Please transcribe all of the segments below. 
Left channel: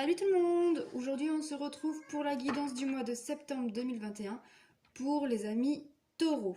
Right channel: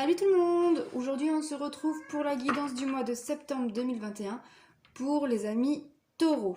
Salut tout le monde! Aujourd'hui on se retrouve pour la guidance du mois de septembre 2021 pour les amis taureaux.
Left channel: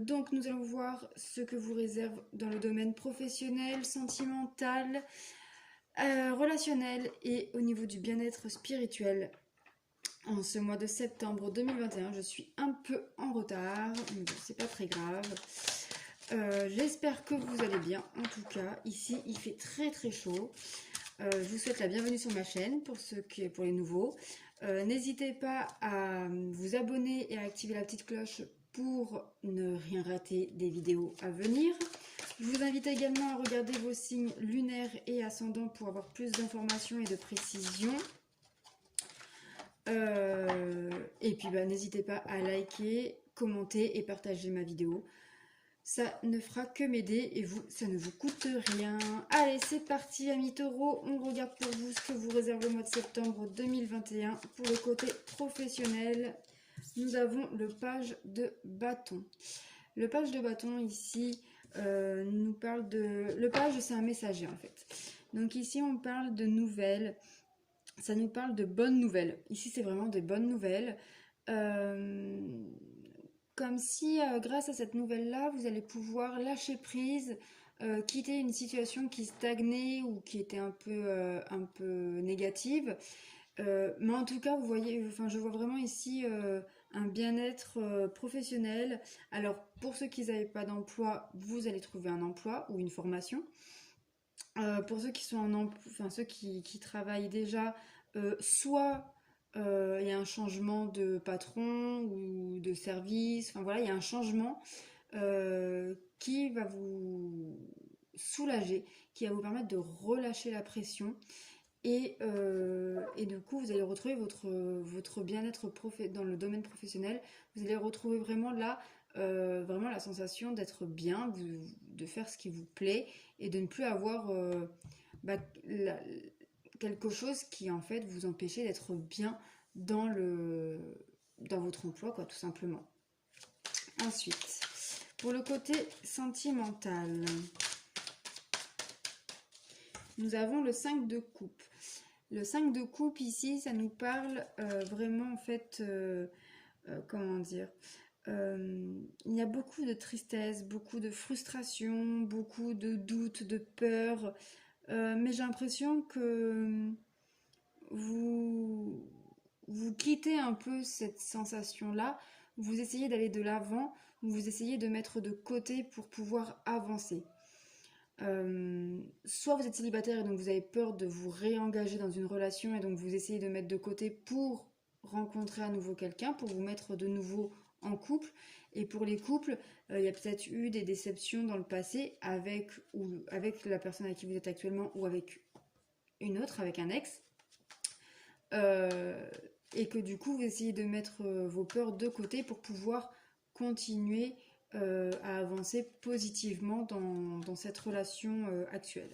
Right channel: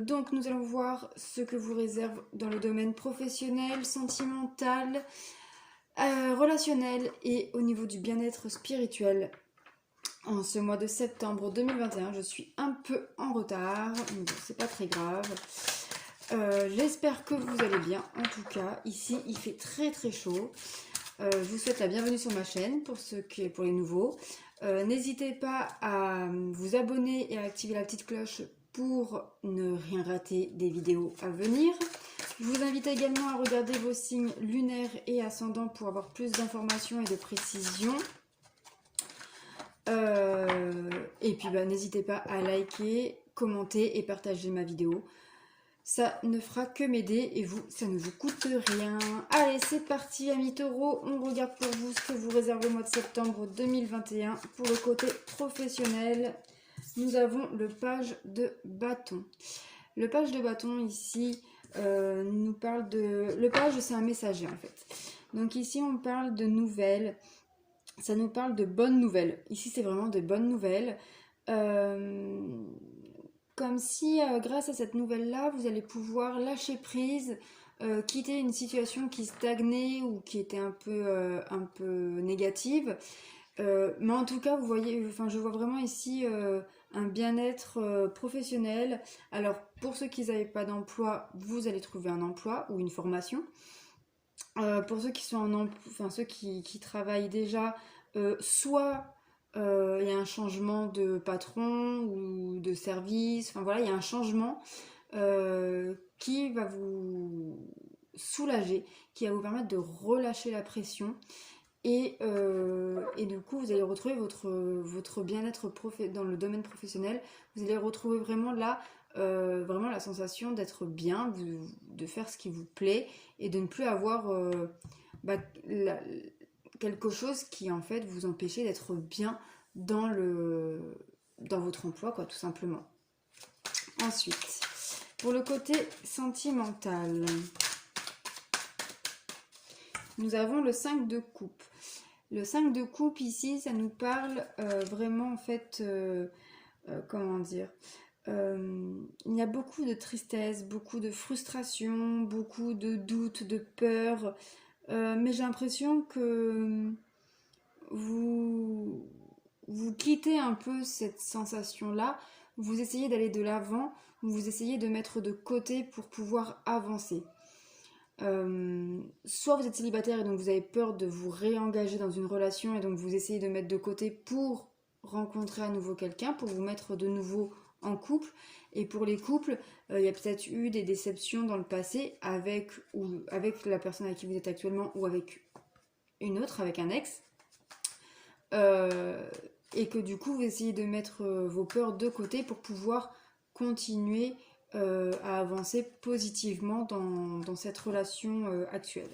Donc nous allons voir ce que vous réserve dans le domaine professionnel, sentimental, relationnel et au niveau du bien-être spirituel. En ce mois de septembre 2021, je suis un peu en retard, mais bon, c'est pas très grave. J'espère que vous allez bien. En tout cas, ici il fait très chaud. Je vous souhaite la bienvenue sur ma chaîne pour les nouveaux. N'hésitez pas à vous abonner et à activer la petite cloche pour ne rien rater des vidéos à venir. Je vous invite également à regarder vos signes lunaires et ascendants pour avoir plus d'informations et de précisions. Et puis n'hésitez pas à liker, commenter et partager ma vidéo. Ça ne fera que m'aider et vous, ça ne vous coûte rien. Allez, c'est parti, amis taureaux. On regarde pour vous ce que vous réserve le mois de septembre 2021. Pour le côté professionnel, nous avons le page de bâton. Le page de bâton, ici, nous parle de... Le page, c'est un messager, en fait. Donc ici, on parle de nouvelles. Ça nous parle de bonnes nouvelles. Ici, c'est vraiment des bonnes nouvelles. Comme si grâce à cette nouvelle-là, vous allez pouvoir lâcher prise, quitter une situation qui stagnait ou qui était un peu négative. Mais en tout cas, vous voyez, je vois vraiment ici un bien-être professionnel. Alors, pour ceux qui n'avaient pas d'emploi, vous allez trouver un emploi ou une formation. Pour ceux qui sont ceux qui travaillent déjà, soit il y a un changement de patron ou de service, enfin voilà, il y a un changement qui va vous soulager, qui va vous permettre de relâcher la pression et du coup vous allez retrouver votre bien-être dans le domaine professionnel. Vous allez retrouver vraiment là vraiment la sensation d'être bien, de faire ce qui vous plaît et de ne plus avoir quelque chose qui en fait vous empêchez d'être bien dans votre emploi, quoi, tout simplement. Ensuite, pour le côté sentimental, nous avons le 5 de coupe. Le 5 de coupe ici, ça nous parle vraiment en fait, comment dire, il y a beaucoup de tristesse, beaucoup de frustration, beaucoup de doutes, de peur, mais j'ai l'impression que vous quittez un peu cette sensation-là, vous essayez d'aller de l'avant, vous essayez de mettre de côté pour pouvoir avancer. Soit vous êtes célibataire et donc vous avez peur de vous réengager dans une relation et donc vous essayez de mettre de côté pour rencontrer à nouveau quelqu'un, pour vous mettre de nouveau en couple. Et pour les couples, il y a peut-être eu des déceptions dans le passé avec la personne avec qui vous êtes actuellement ou avec une autre, avec un ex. Et que du coup vous essayez de mettre vos peurs de côté pour pouvoir continuer à avancer positivement dans cette relation actuelle.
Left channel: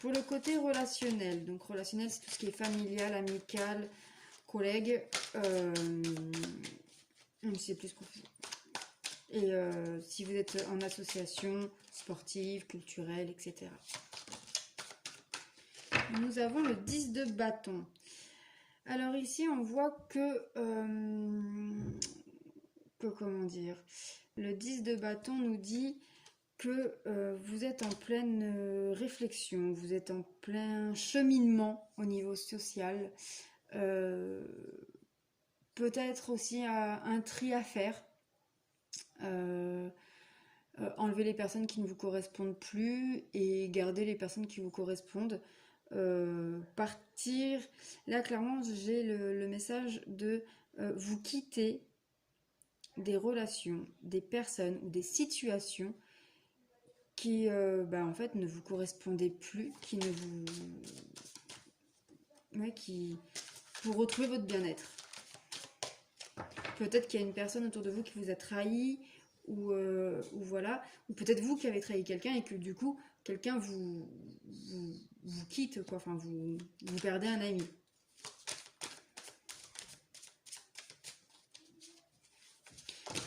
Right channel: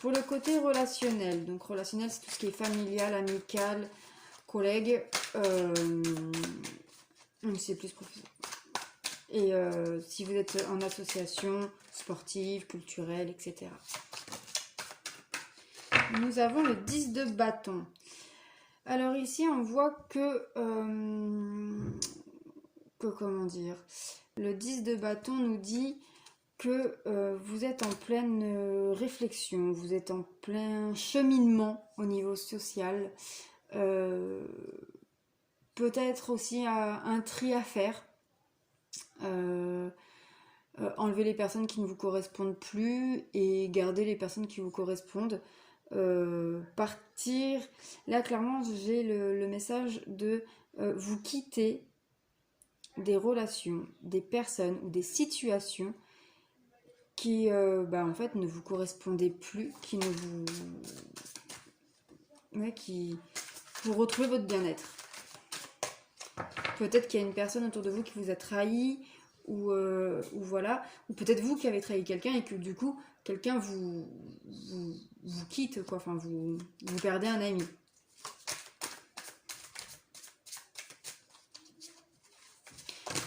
Pour le côté relationnel, donc relationnel c'est tout ce qui est familial, amical, collègue, c'est plus professionnel. Et si vous êtes en association sportive, culturelle, etc. Nous avons le 10 de bâton. Alors ici, on voit que comment dire, le 10 de bâton nous dit que vous êtes en pleine réflexion, vous êtes en plein cheminement au niveau social. Peut-être aussi un tri à faire. Enlever les personnes qui ne vous correspondent plus et garder les personnes qui vous correspondent. Partir, là clairement j'ai le message de vous quitter des relations, des personnes ou des situations qui en fait ne vous correspondaient plus, pour retrouver votre bien-être. Peut-être qu'il y a une personne autour de vous qui vous a trahi ou voilà, ou peut-être vous qui avez trahi quelqu'un et que du coup quelqu'un vous quitte, quoi. Enfin vous perdez un ami.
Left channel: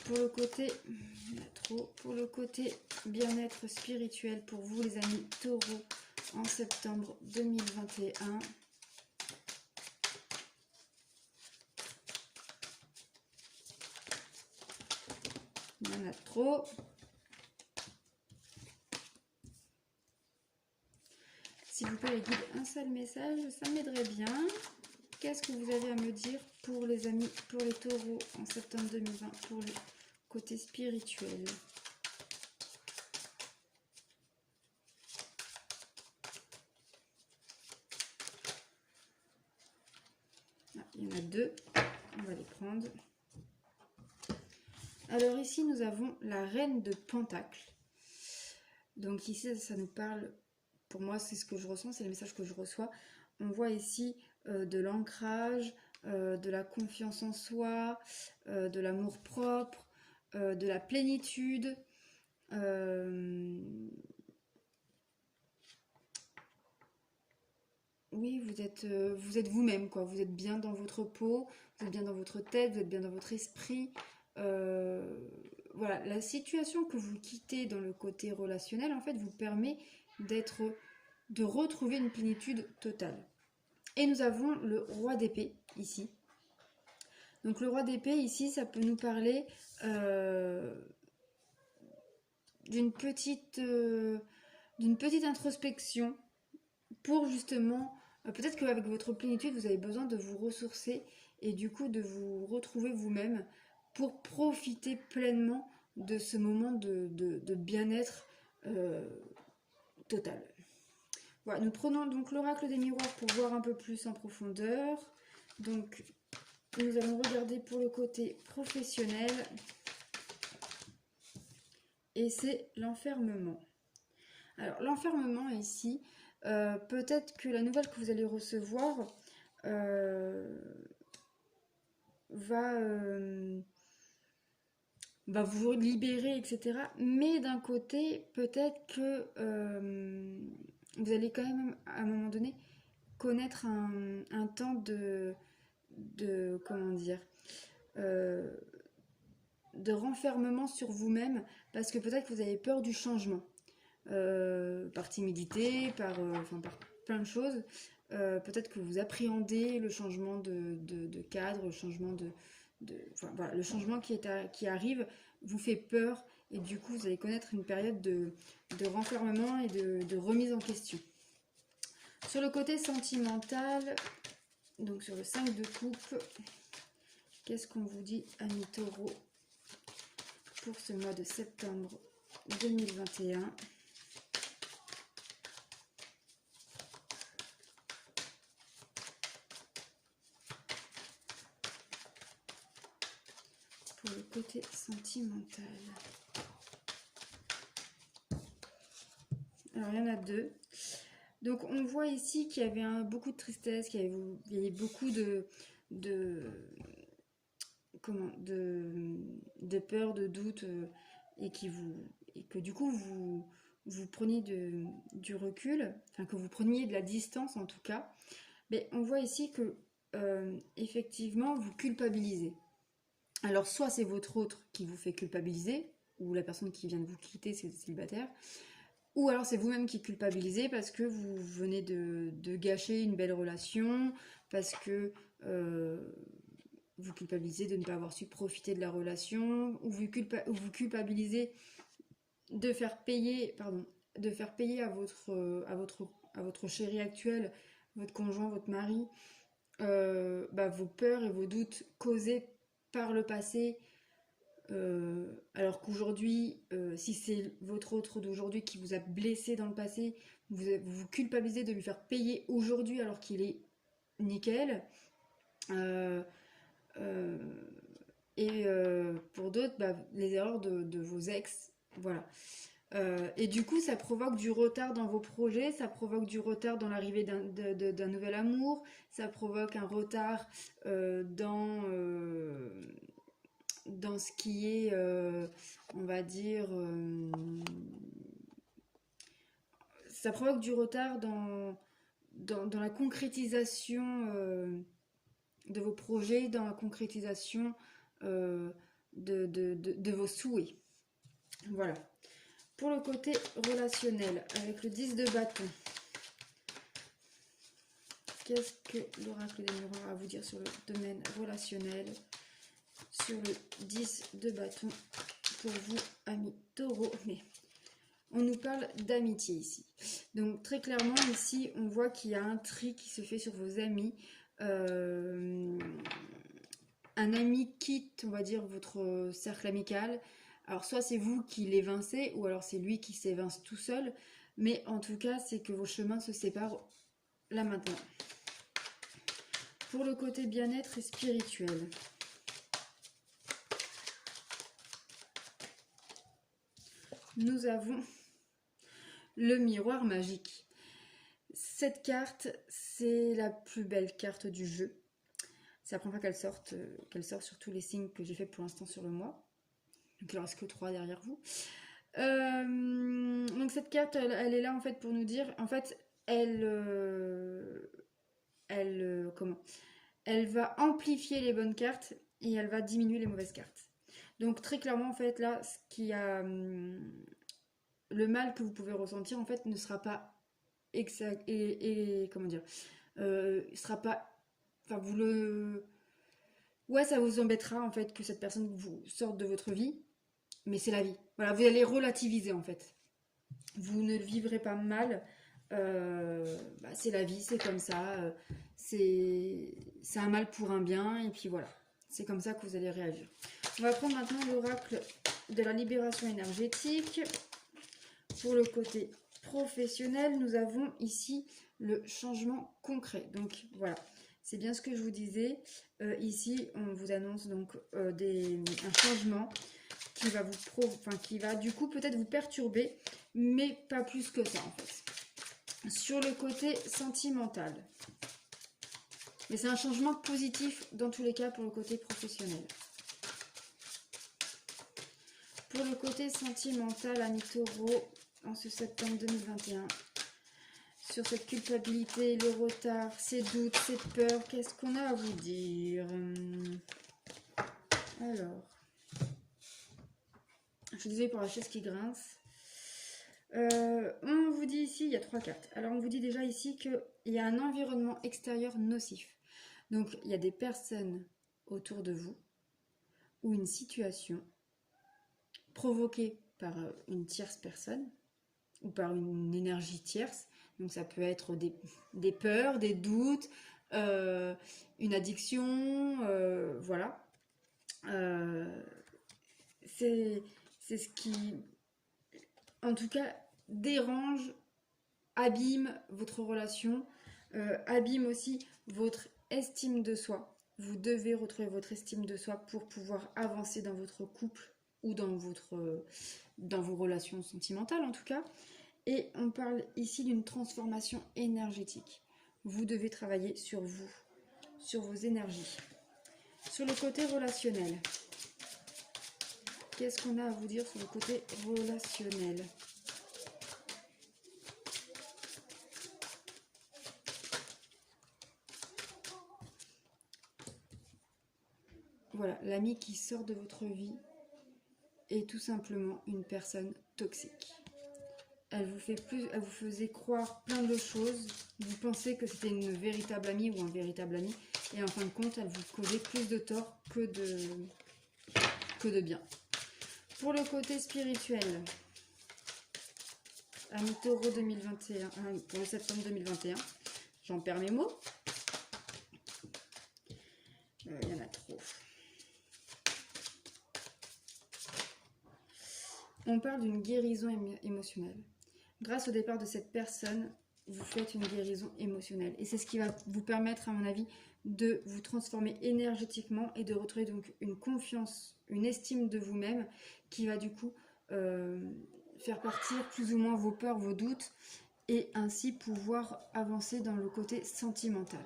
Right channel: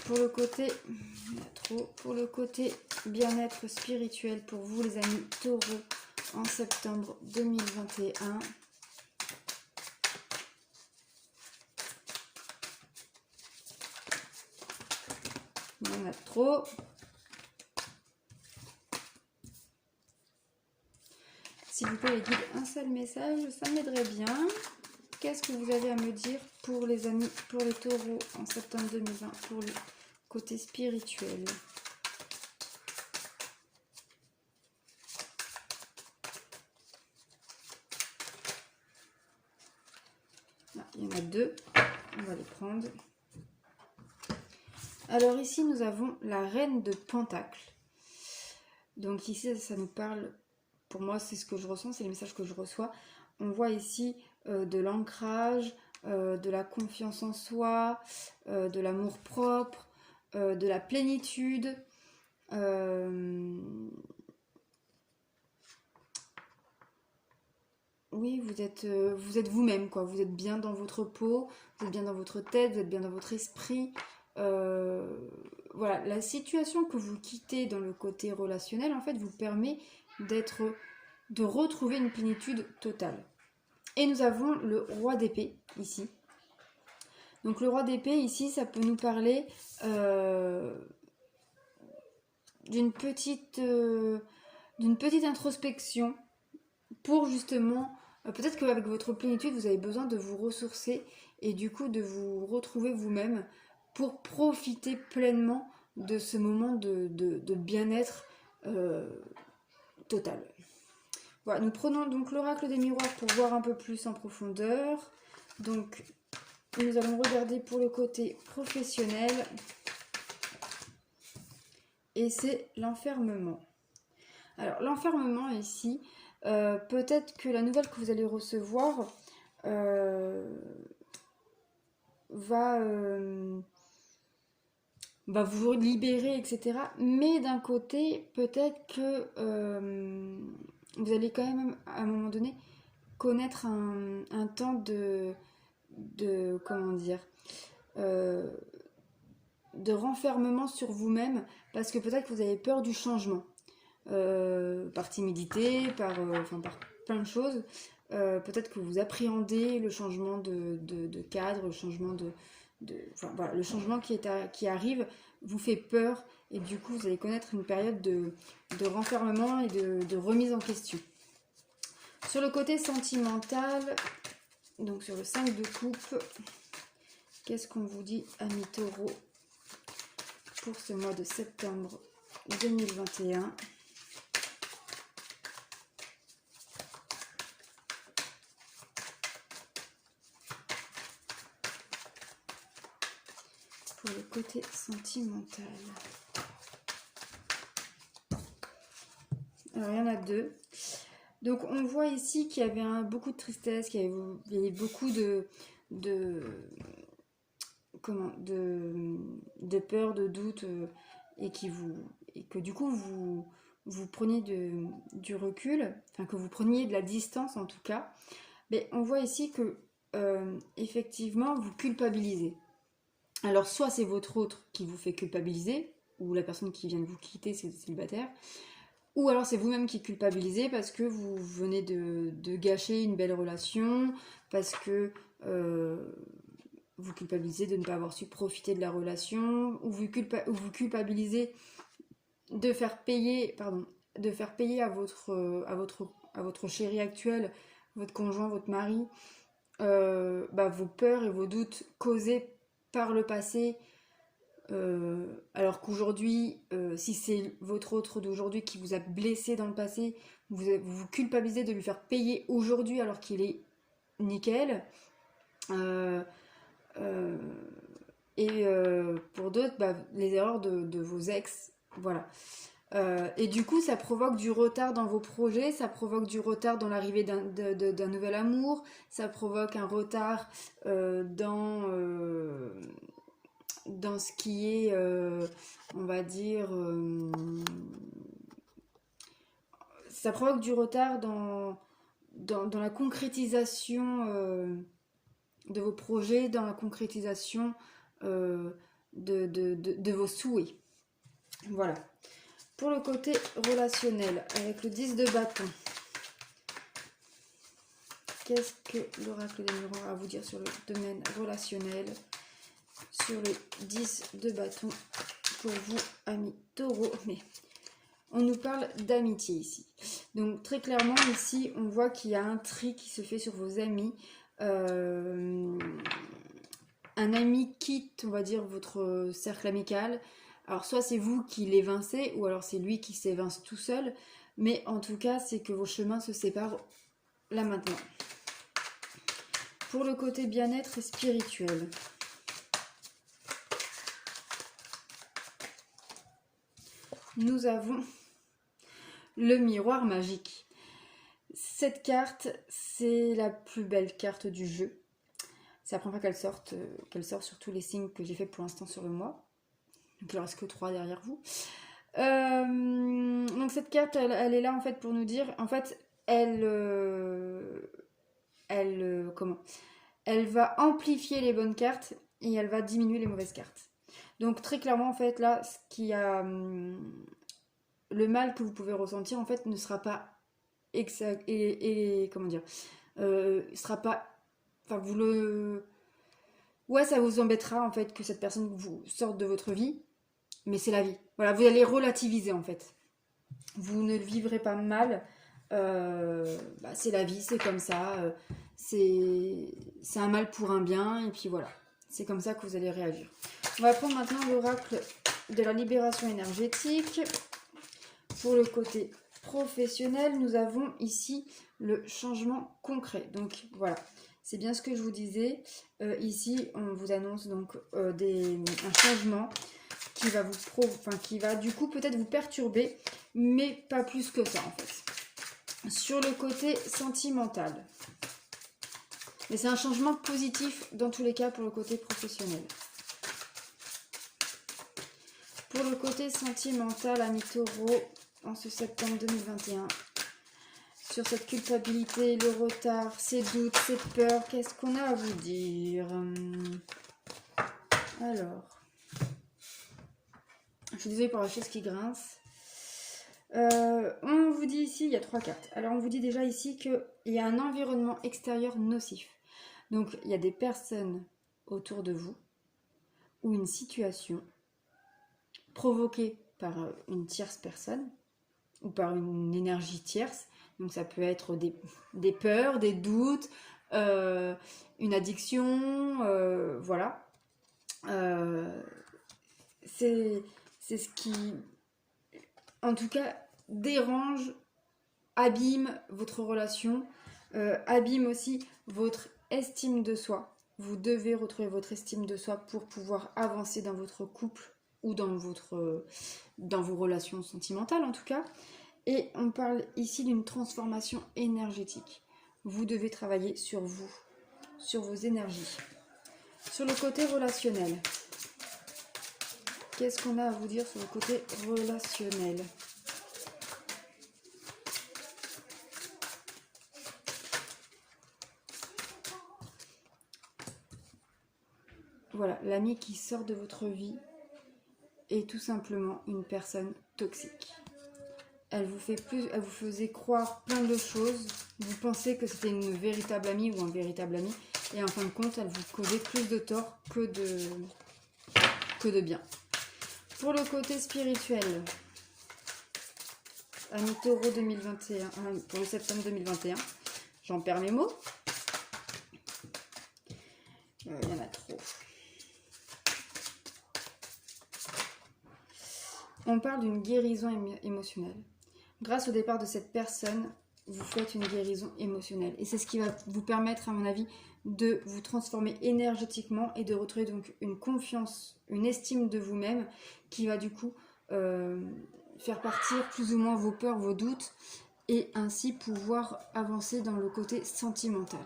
Pour le côté bien-être spirituel pour vous les amis taureaux en septembre 2021. Il y en a trop. S'il vous plaît, les guides, un seul message, ça m'aiderait bien. Qu'est-ce que vous avez à me dire pour les amis, pour les taureaux en septembre 2020, pour le côté spirituel? Ah, il y en a deux, on va les prendre. Alors ici, nous avons la reine de Pentacles. Donc ici, ça nous parle, pour moi, c'est ce que je ressens, c'est les messages que je reçois. On voit ici de l'ancrage, de la confiance en soi, de l'amour propre, de la plénitude. Oui, vous êtes vous-même, quoi. Vous êtes bien dans votre peau, vous êtes bien dans votre tête, vous êtes bien dans votre esprit. Voilà, la situation que vous quittez dans le côté relationnel, en fait, vous permet de retrouver une plénitude totale. Et nous avons le roi d'épée, ici. Donc le roi d'épée, ici, ça peut nous parler d'une petite introspection pour justement, peut-être qu'avec votre plénitude, vous avez besoin de vous ressourcer et du coup de vous retrouver vous-même pour profiter pleinement de ce moment de bien-être total. Voilà, nous prenons donc l'oracle des miroirs pour voir un peu plus en profondeur. Donc, nous allons regarder pour le côté professionnel. Et c'est l'enfermement. Alors, l'enfermement ici, peut-être que la nouvelle que vous allez recevoir va vous libérer, etc. Mais d'un côté, peut-être que vous allez quand même, à un moment donné, connaître un temps de comment dire, de renfermement sur vous-même, parce que peut-être que vous avez peur du changement, par timidité, par plein de choses. Peut-être que vous appréhendez le changement de cadre, le changement voilà, le changement qui arrive vous fait peur, et du coup vous allez connaître une période de renfermement et de remise en question. Sur le côté sentimental, donc sur le 5 de coupe, qu'est-ce qu'on vous dit, amis taureaux, pour ce mois de septembre 2021? Pour le côté sentimental. Alors il y en a deux. Donc on voit ici qu'il y avait beaucoup de tristesse, qu'il y avait beaucoup de peur, de doute, et que du coup vous preniez du recul, enfin que vous preniez de la distance en tout cas. Mais on voit ici que effectivement vous culpabilisez. Alors soit c'est votre autre qui vous fait culpabiliser, ou la personne qui vient de vous quitter, c'est célibataire, ou alors c'est vous-même qui culpabilisez parce que vous venez de gâcher une belle relation, parce que vous culpabilisez de ne pas avoir su profiter de la relation, ou vous culpabilisez de faire payer à votre chéri actuel, votre conjoint, votre mari, vos peurs et vos doutes causés par le passé, alors qu'aujourd'hui, si c'est votre autre d'aujourd'hui qui vous a blessé dans le passé, vous culpabilisez de lui faire payer aujourd'hui alors qu'il est nickel. Et pour d'autres, les erreurs de vos ex, voilà. Et du coup, ça provoque du retard dans vos projets, ça provoque du retard dans l'arrivée d'un nouvel amour, ça provoque un retard dans ce qui est, on va dire, ça provoque du retard dans la concrétisation de vos projets, dans la concrétisation de vos souhaits. Voilà. Pour le côté relationnel, avec le 10 de bâton, qu'est-ce que l'oracle des miroirs a à vous dire sur le domaine relationnel, sur le 10 de bâton pour vous, amis taureaux. Mais on nous parle d'amitié ici. Donc très clairement ici, on voit qu'il y a un tri qui se fait sur vos amis. Un ami quitte, on va dire, votre cercle amical. Alors soit c'est vous qui l'évincez, ou alors c'est lui qui s'évince tout seul. Mais en tout cas, c'est que vos chemins se séparent là maintenant. Pour le côté bien-être et spirituel. Nous avons le miroir magique. Cette carte, c'est la plus belle carte du jeu. C'est la première fois qu'elle sort sur tous les signes que j'ai fait pour l'instant sur le mois. Donc il ne reste que 3 derrière vous. Donc cette carte, elle est là en fait pour nous dire, en fait, elle va amplifier les bonnes cartes et elle va diminuer les mauvaises cartes. Donc très clairement en fait là, ce qui a le mal que vous pouvez ressentir en fait ne sera pas exact et comment dire, sera pas, enfin vous le, ouais ça vous embêtera en fait que cette personne vous sorte de votre vie, mais c'est la vie. Voilà, vous allez relativiser en fait. Vous ne le vivrez pas mal. C'est la vie, c'est comme ça. C'est un mal pour un bien et puis voilà. C'est comme ça que vous allez réagir. On va prendre maintenant l'oracle de la libération énergétique. Pour le côté professionnel, nous avons ici le changement concret. Donc voilà, c'est bien ce que je vous disais. Ici, on vous annonce donc un changement qui va qui va du coup peut-être vous perturber, mais pas plus que ça en fait. Sur le côté sentimental. Mais c'est un changement positif dans tous les cas pour le côté professionnel. Pour le côté sentimental, amis taureaux, en ce septembre 2021, sur cette culpabilité, le retard, ces doutes, cette peur, qu'est-ce qu'on a à vous dire? Alors, je suis désolée pour la chaise qui grince. On vous dit ici, il y a 3 cartes. Alors on vous dit déjà ici qu'il y a un environnement extérieur nocif. Donc il y a des personnes autour de vous ou une situation provoquée par une tierce personne ou par une énergie tierce. Donc ça peut être des peurs, des doutes, une addiction, voilà. C'est ce qui, en tout cas, dérange, abîme votre relation, abîme aussi votre estime de soi. Vous devez retrouver votre estime de soi pour pouvoir avancer dans votre couple ou dans vos relations sentimentales en tout cas. Et on parle ici d'une transformation énergétique. Vous devez travailler sur vous, sur vos énergies. Sur le côté relationnel, qu'est-ce qu'on a à vous dire sur le côté relationnel? Voilà, l'ami qui sort de votre vie est tout simplement une personne toxique. Elle vous faisait croire plein de choses. Vous pensez que c'était une véritable amie ou un véritable ami. Et en fin de compte, elle vous causait plus de tort que de bien. Pour le côté spirituel, ami taureau 2021, pour le septembre 2021, j'en perds mes mots. Il y en a trop. On parle d'une guérison émotionnelle. Grâce au départ de cette personne, vous faites une guérison émotionnelle. Et c'est ce qui va vous permettre, à mon avis, de vous transformer énergétiquement et de retrouver donc une confiance, une estime de vous-même qui va du coup faire partir plus ou moins vos peurs, vos doutes et ainsi pouvoir avancer dans le côté sentimental.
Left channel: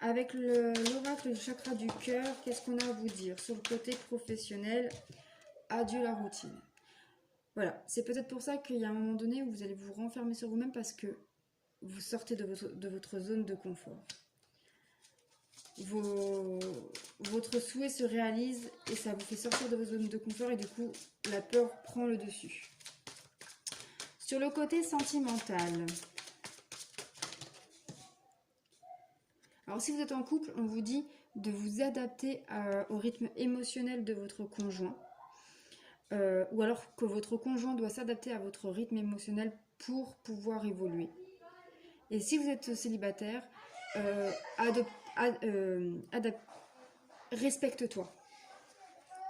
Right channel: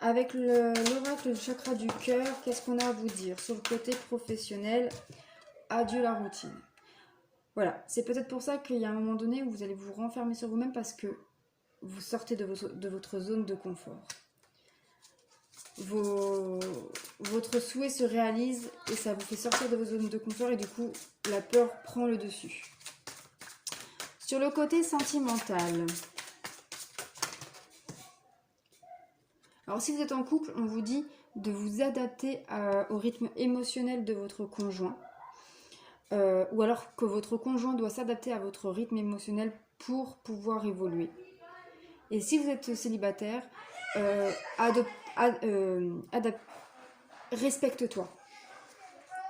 Avec l'oracle du chakra du cœur, qu'est-ce qu'on a à vous dire? Sur le côté professionnel, adieu la routine. Voilà, c'est peut-être pour ça qu'il y a un moment donné où vous allez vous renfermer sur vous-même parce que vous sortez de votre zone de confort. Votre souhait se réalise et ça vous fait sortir de vos zones de confort et du coup, la peur prend le dessus. Sur le côté sentimental, Alors si vous êtes en couple, on vous dit de vous adapter au rythme émotionnel de votre conjoint. Ou alors que votre conjoint doit s'adapter à votre rythme émotionnel pour pouvoir évoluer. Et si vous êtes célibataire, respecte-toi,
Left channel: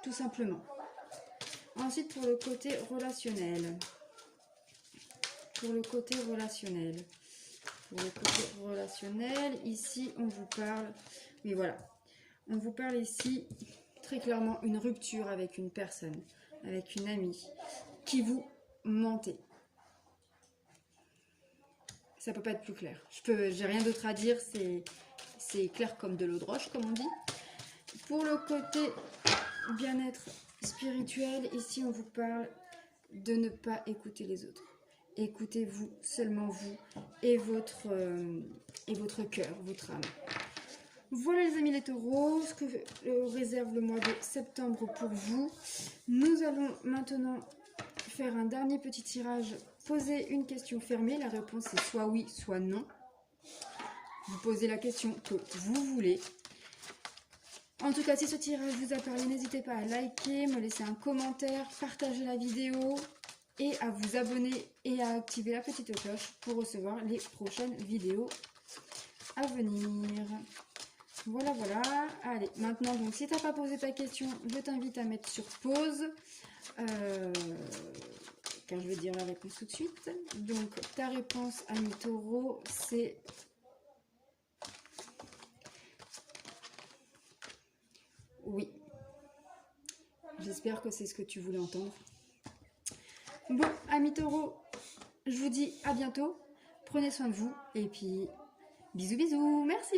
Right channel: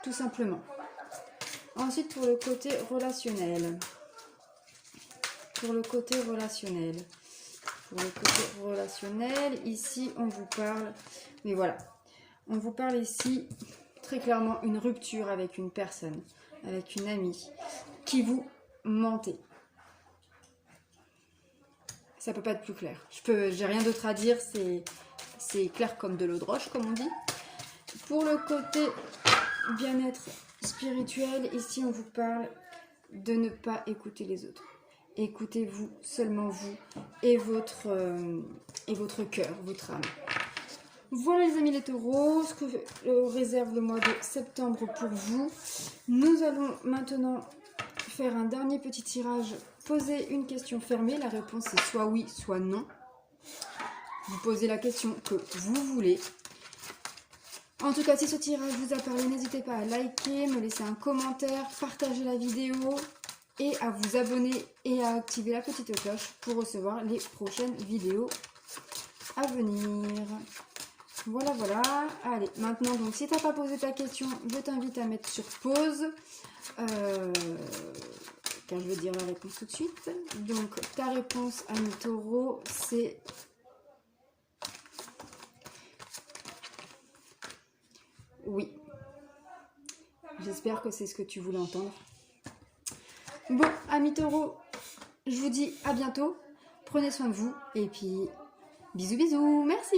tout simplement. Ensuite, pour le côté relationnel. Ici, on vous parle, mais voilà, on vous parle ici très clairement une rupture avec une personne, avec une amie, qui vous mentait. Ça peut pas être plus clair. J'ai rien d'autre à dire, c'est clair comme de l'eau de roche, comme on dit. Pour le côté bien-être spirituel, ici on vous parle de ne pas écouter les autres. Écoutez-vous, seulement vous et votre cœur, votre âme. Voilà les amis les taureaux, ce que réserve le mois de septembre pour vous. Nous allons maintenant faire un dernier petit tirage. Posez une question fermée, la réponse est soit oui, soit non. Vous posez la question que vous voulez. En tout cas, si ce tirage vous a parlé, n'hésitez pas à liker, me laisser un commentaire, partager la vidéo et à vous abonner et à activer la petite cloche pour recevoir les prochaines vidéos à venir. Voilà, voilà. Allez, maintenant, donc, si tu n'as pas posé ta question, je t'invite à mettre sur pause. Car je vais dire la réponse tout de suite. Donc, ta réponse, ami taureau, c'est... Oui. J'espère que c'est ce que tu voulais entendre. Bon, ami taureau, je vous dis à bientôt. Prenez soin de vous. Et puis, bisous, bisous. Merci.